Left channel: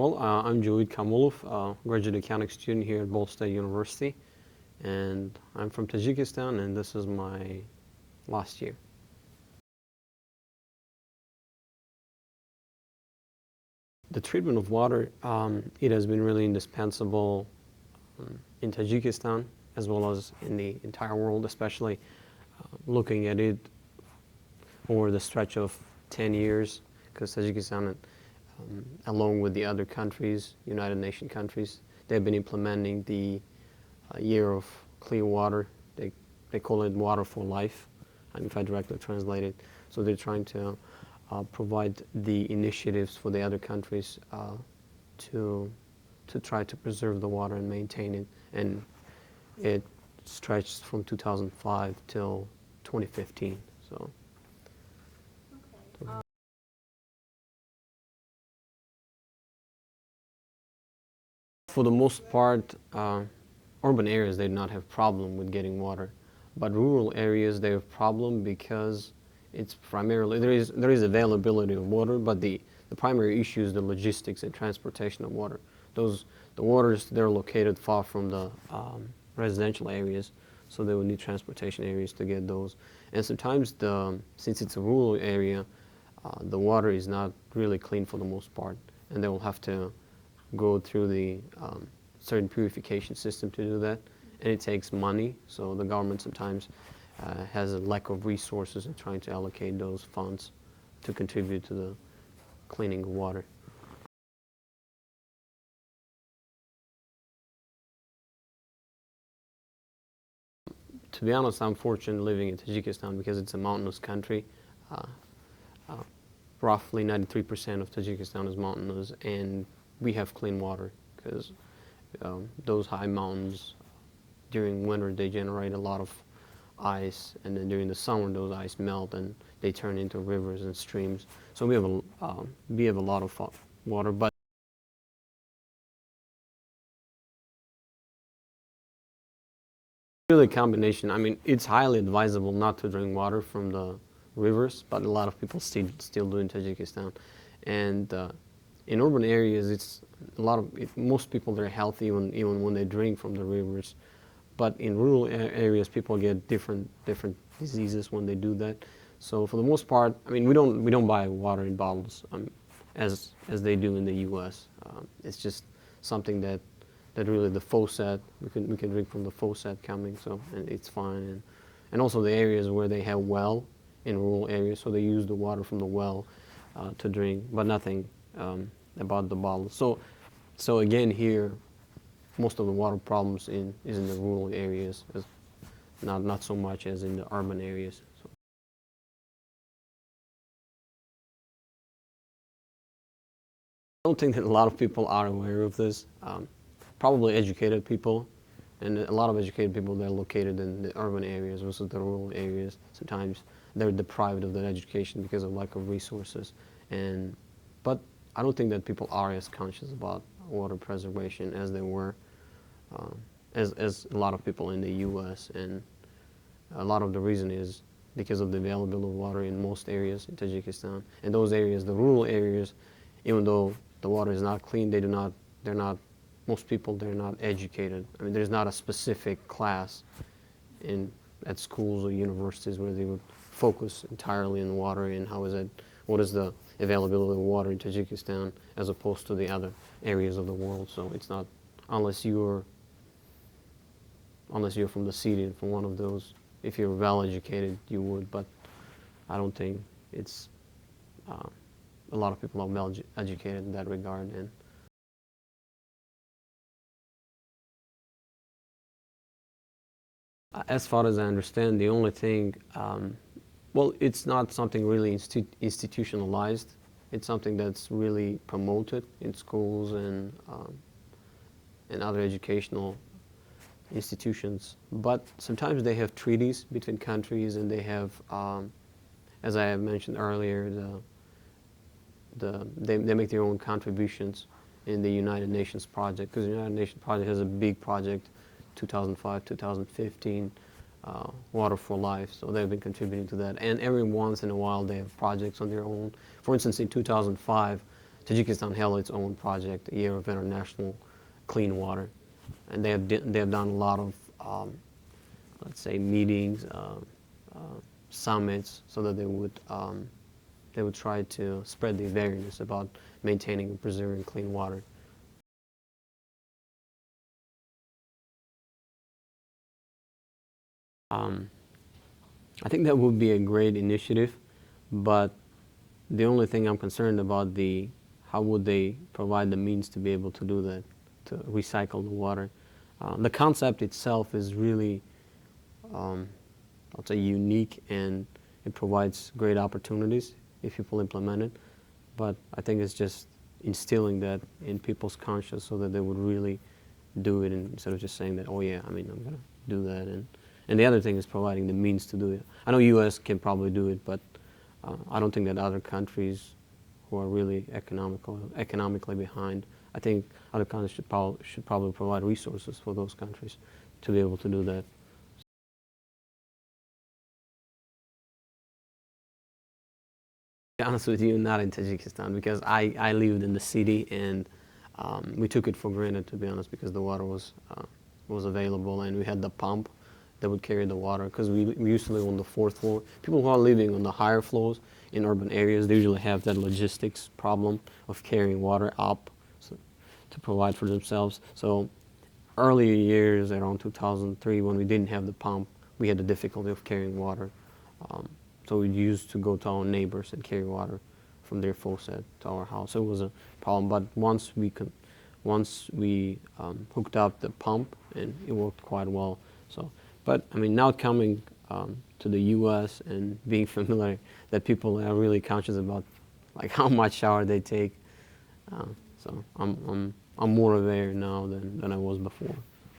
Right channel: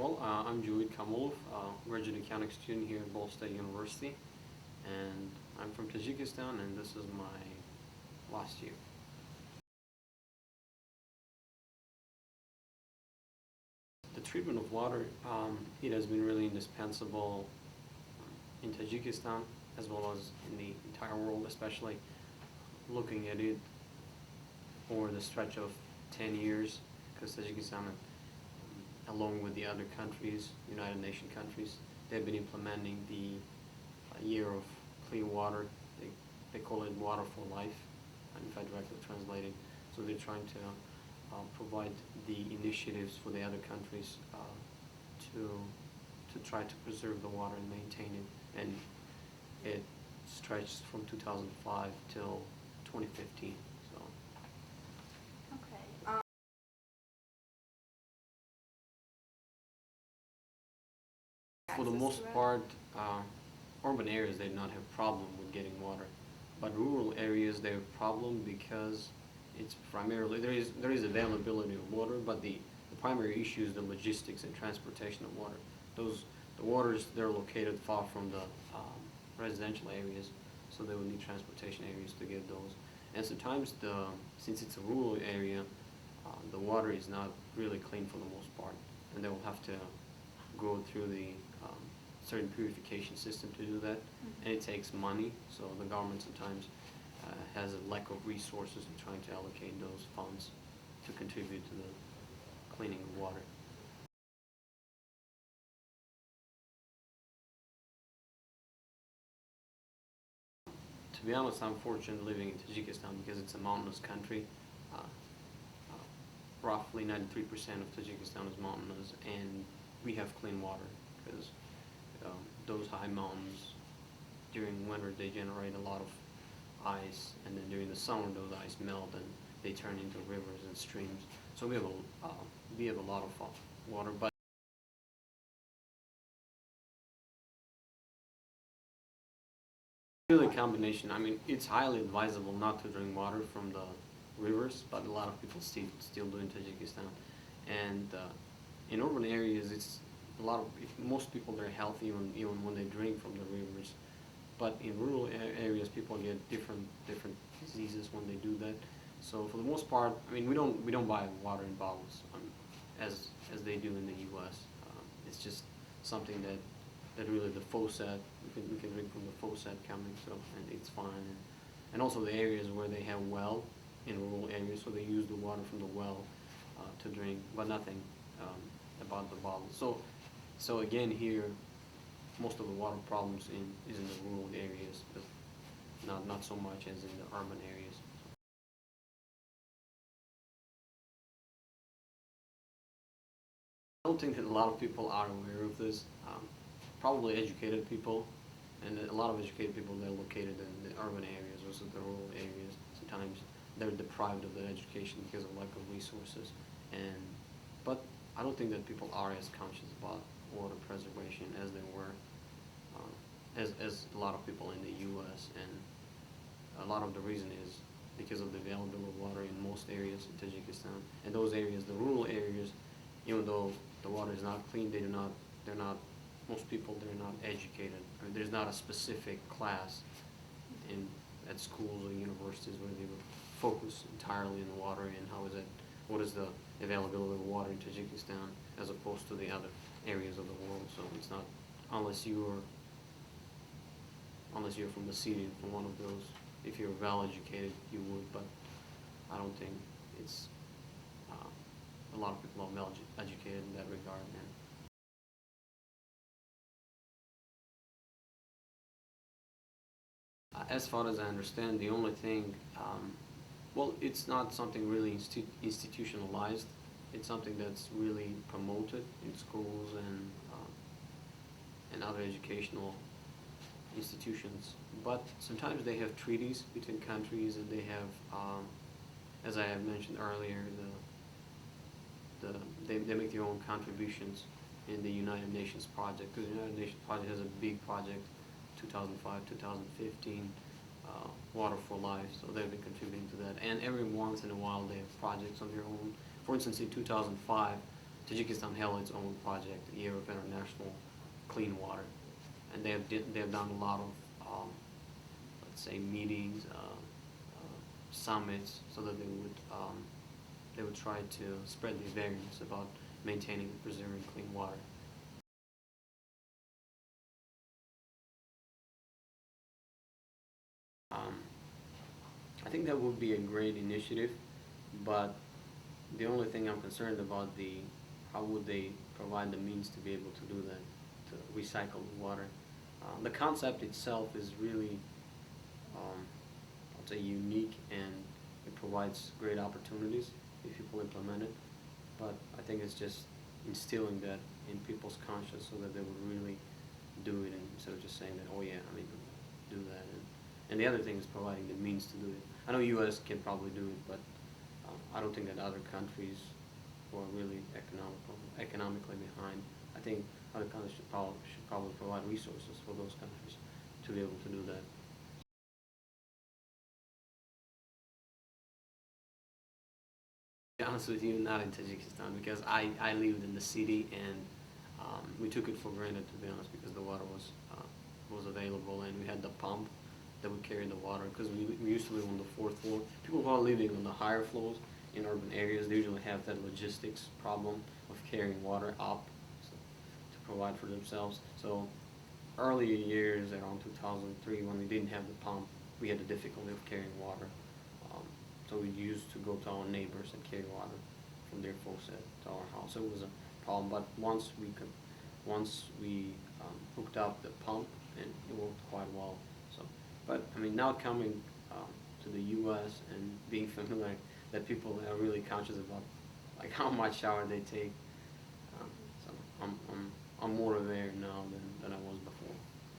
I'm Jovid Kamolov, graduate accounting student here at Ball State University, and I'm from Tajikistan, and this is my last year. The treatment of water, it has been really indispensable in Tajikistan as well as in the entire world, especially looking at it over the stretch of 10 years, because Tajikistan, along with the other countries, United Nations countries, they've been implementing the year of clean water. They call it water for life, if I directly translate it. So they're trying to provide the initiatives for the other countries to try to preserve the water and maintain it. And it stretched from 2005 till 2015. So. Okay. For the most part, urban areas they do not have problem with getting water, but rural areas they have problem because it's primarily there is availability of water, but the primary issue is the logistics and transportation of water. The waters they're located far from the residential areas, so they would need transportation areas to get those. And sometimes since it's a rural area, the water is not really clean for the most part, and they will have to go through the certain purification system to do that, and it takes money. So the government sometimes has a lack of resources in trying to allocate those funds to contribute to the cleaning of water. To be honest, I'm fortunate living in Tajikistan because it's a mountainous country. Uh, uh, Roughly 93% of Tajikistan is mountainous, and we have clean water because those high mountains during winter they generate a lot of ice, and then during the summer those ice melt and they turn into rivers and streams. So we have a lot of water, but really a combination. I mean, it's highly advisable not to drink water from the rivers, but a lot of people still do in Tajikistan. And in urban areas, it's a lot of most people they're healthy even when they drink from the rivers. But in rural areas, people get different diseases when they do that. So for the most part, I mean, we don't buy water in bottles as they do in the U.S. It's just something that really the faucet we can drink from the faucet coming, so and it's fine. And also the areas where they have well in rural areas, so they use the water from the well to drink, but nothing about the bottle. So again here, most of the water problems is in the rural areas, not so much as in the urban areas. So. I don't think that a lot of people are aware of this. Probably educated people, and a lot of educated people they're located in the urban areas versus the rural areas. Sometimes they're deprived of that education because of lack of resources. But I don't think that people are as conscious about water preservation as they were, as a lot of people in the U.S. And a lot of the reason is because of the availability of water in most areas in Tajikistan. And those areas, the rural areas, even though the water is not clean, they're not. Most people they're not educated. I mean, there's not a specific class at schools or universities where they would focus entirely on water and what is the availability of water in Tajikistan as opposed to the other areas of the world. So it's not unless you're from the city, from one of those. If you're well educated, you would, but I don't think it's a lot of people are well educated in that regard. And as far as I understand, the only thing, well, it's not something really institutionalized. It's something that's really promoted in schools and other educational institutions. But sometimes they have treaties between countries, and they have, as I have mentioned earlier, they make their own contributions in the United Nations project, because the United Nations project has a big project, 2005, 2015, Water for Life, so they've been contributing to that. And every once in a while they have projects on their own. For instance, in 2005, Tajikistan held its own project, a year of international clean water, and they have done a lot of let's say meetings, summits, so that they would try to spread the awareness about maintaining and preserving clean water. Um, I think that would be a great initiative, but the only thing I'm concerned about how would they provide the means to be able to do that, to recycle the water. The concept itself is really, um, I'll say, unique, and it provides great opportunities if people implement it. But I think it's just instilling that in people's conscience so that they would really do it, instead of just saying that, oh yeah, I mean, I'm going to do that. And the other thing is providing the means to do it. I know U.S. can probably do it, but I don't think that other countries who are really economically behind, I think other countries should probably provide resources for those countries to be able to do that. To be honest with you, not in Tajikistan, because I lived in the city, and we took it for granted, to be honest, because the water was available, and we had the pump that would carry the water, because we used to live on the fourth floor. People who are living on the higher floors in urban areas, they usually have that logistics problem of carrying water up, so, to provide for themselves. So earlier years, around 2003, when we didn't have the pump, we had the difficulty of carrying water. Um, so we used to go to our neighbors and carry water from their faucet to our house. So it was a problem. But once we hooked up the pump, and it worked quite well. So, but I mean, now coming to the U.S. and being familiar that people are really conscious about like how much shower they take. So I'm more aware now than I